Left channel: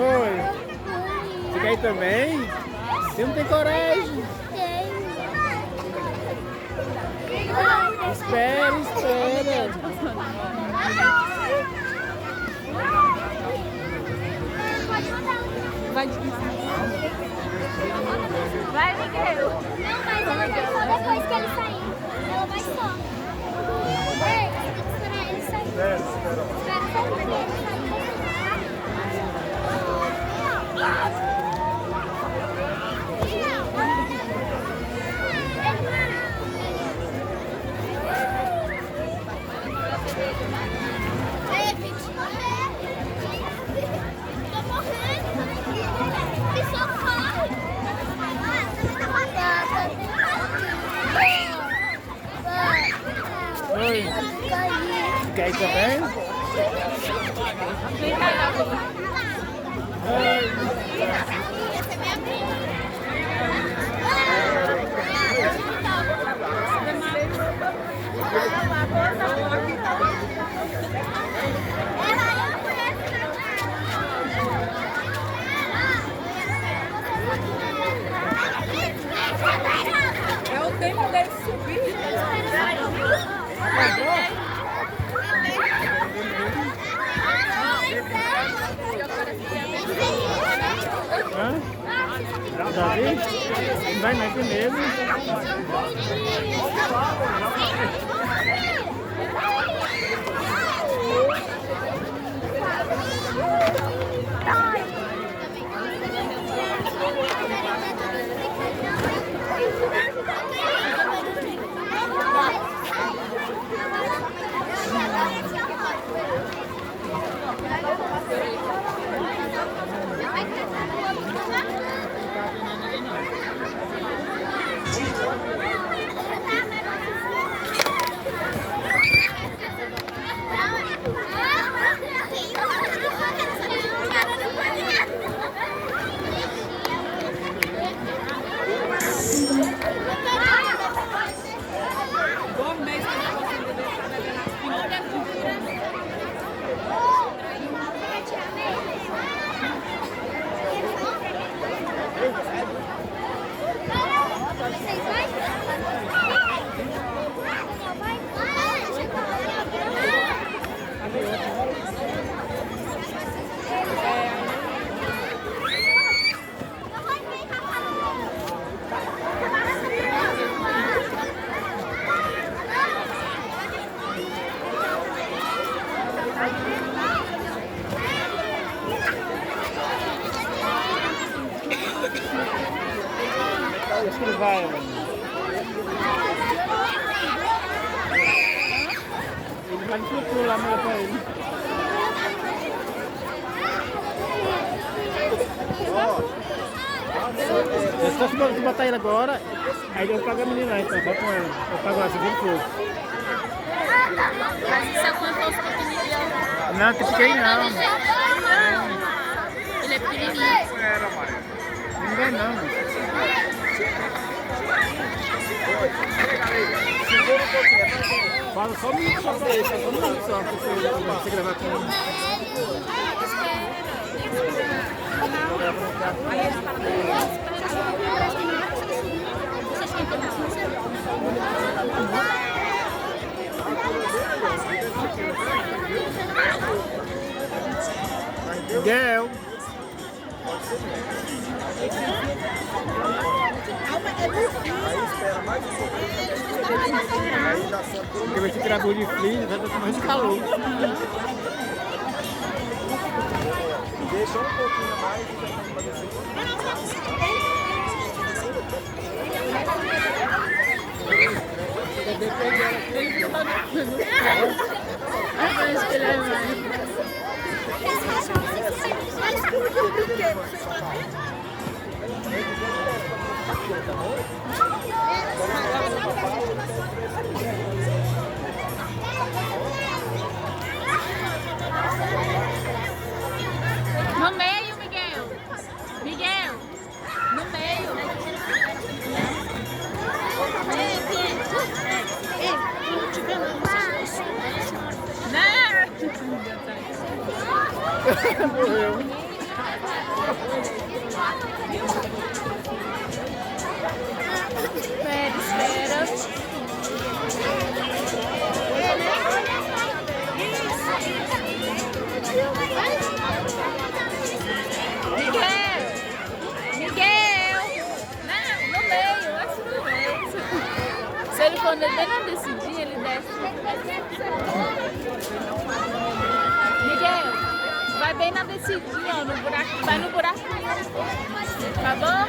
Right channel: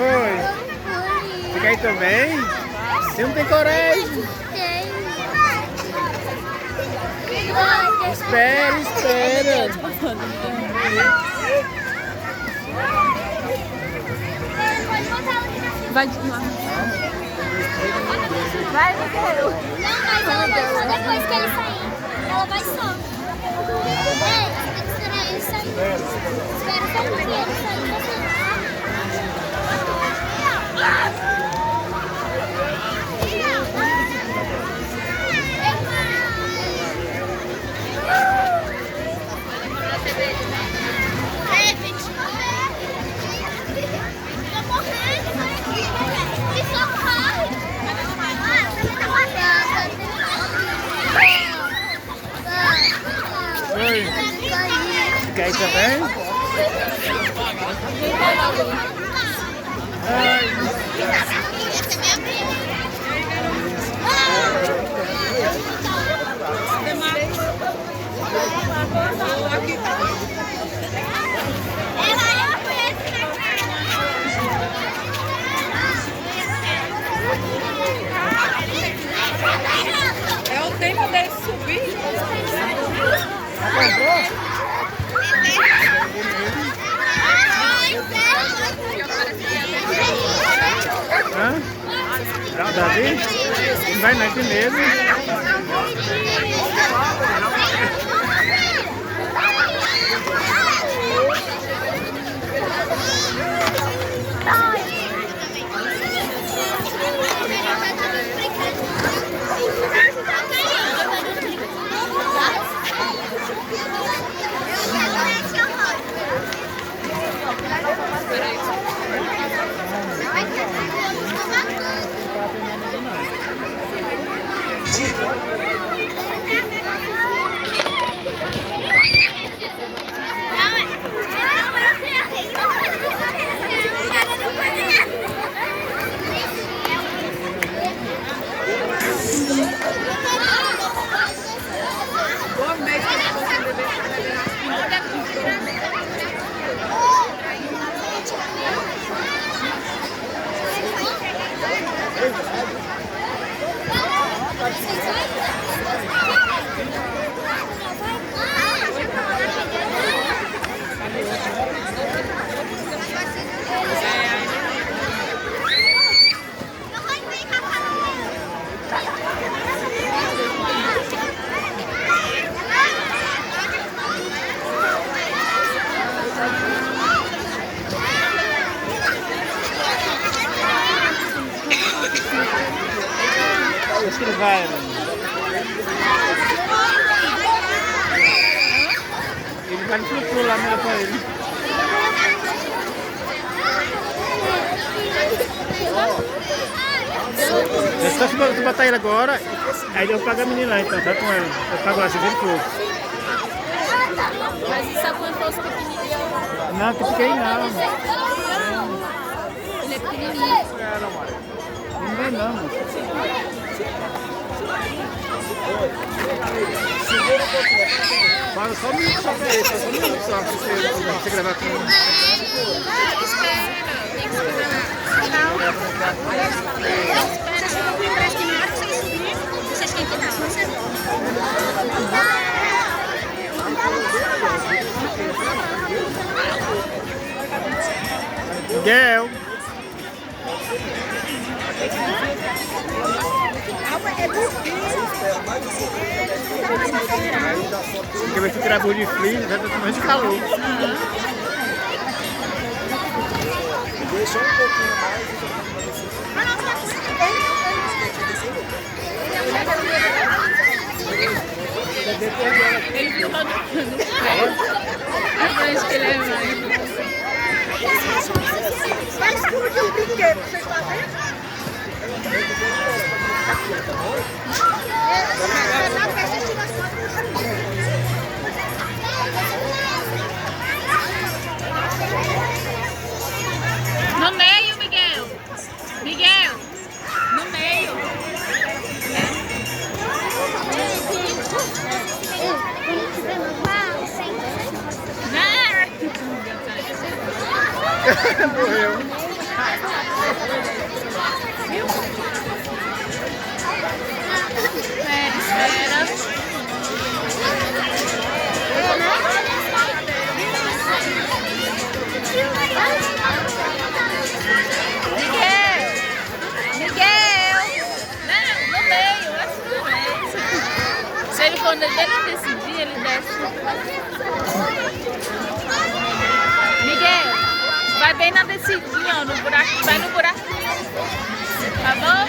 Oi. Você quer ir também? Você não tem coragem? Espera, espera. Vai de lá. Vai, Miguel. Não, mas ela vai só depois que ele sair. Ela vai só. Ei, você tem que esperar ele sair. Espera só um pouquinho ele sair. Oi. Quer ir também? É o tempo dele subir. Hã? Davi? Não vai não, tem medo. Acho que ele vai, mano. Ele vai no pulo lá, melhor pra ele. É só se você botar ele agora, aí eu pago a menina lá então, tá com ela. Eu pago lá, 50 pouco. Mas isso é quanto você pequenininho? Não, tem que ir não. Ele é pequenininho. Não vai não, mano. Segura um pouquinho. Paga só um minuto só pra ele, só um minuto só, pra você gravar com ele. Vocês têm que dar. Miguel. Aí espera mais um pouquinho. Aí já sobe tudo. Porque vai se tirar de frio, já tá tomando de calor. Deixa um pouquinho mais e já vai descer. Vai explodir o brinquedo, vocês estão vendo? Na festa a gente tira as fotos. No meio, Miguel. Miguel. No meio. Ei, Morreu. Espera. Miguel! Miguel! No meio, esse no meio. Se ele for bem não decidir, ele desce. Miguel, vai bem na descidinha, ó, no buraco, vai no buraquinho. Tá bom?